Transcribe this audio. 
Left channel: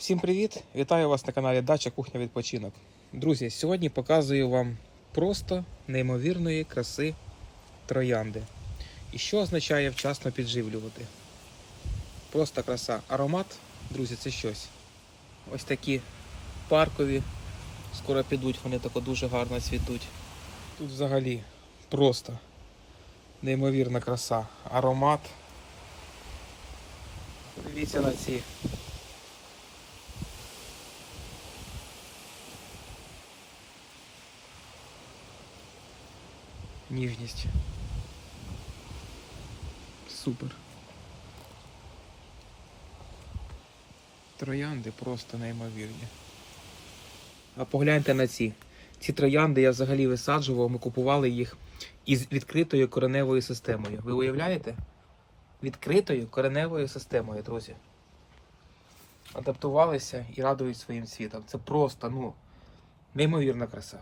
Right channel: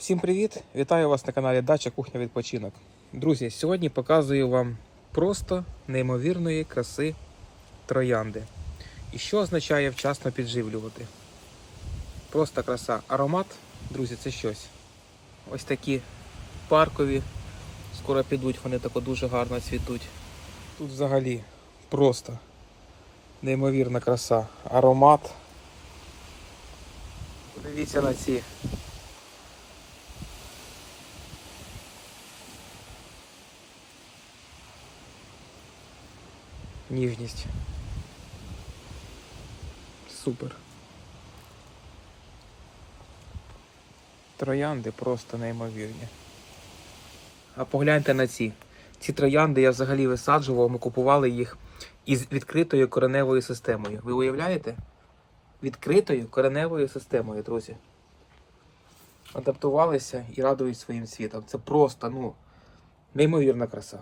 Всім привіт! Вітаю вас на каналі Дача Кухня Відпочинок. Друзі, сьогодні показую вам просто неймовірної краси троянди. І що означає вчасно підживлювати? Просто краса. Аромат, друзі, це щось. Ось такі паркові. Скоро підуть, вони тако дуже гарно цвітуть. Тут взагалі просто неймовірна краса. Аромат. Дивіться на ці ніжність. Супер. Троянди просто неймовірні. А погляньте на ці. Ці троянди я взагалі висаджував, ми купували їх із відкритою кореневою системою. Ви уявляєте? Відкритою кореневою системою, друзі. Адаптувалися і радують своїм світом. Це просто, ну, неймовірна краса.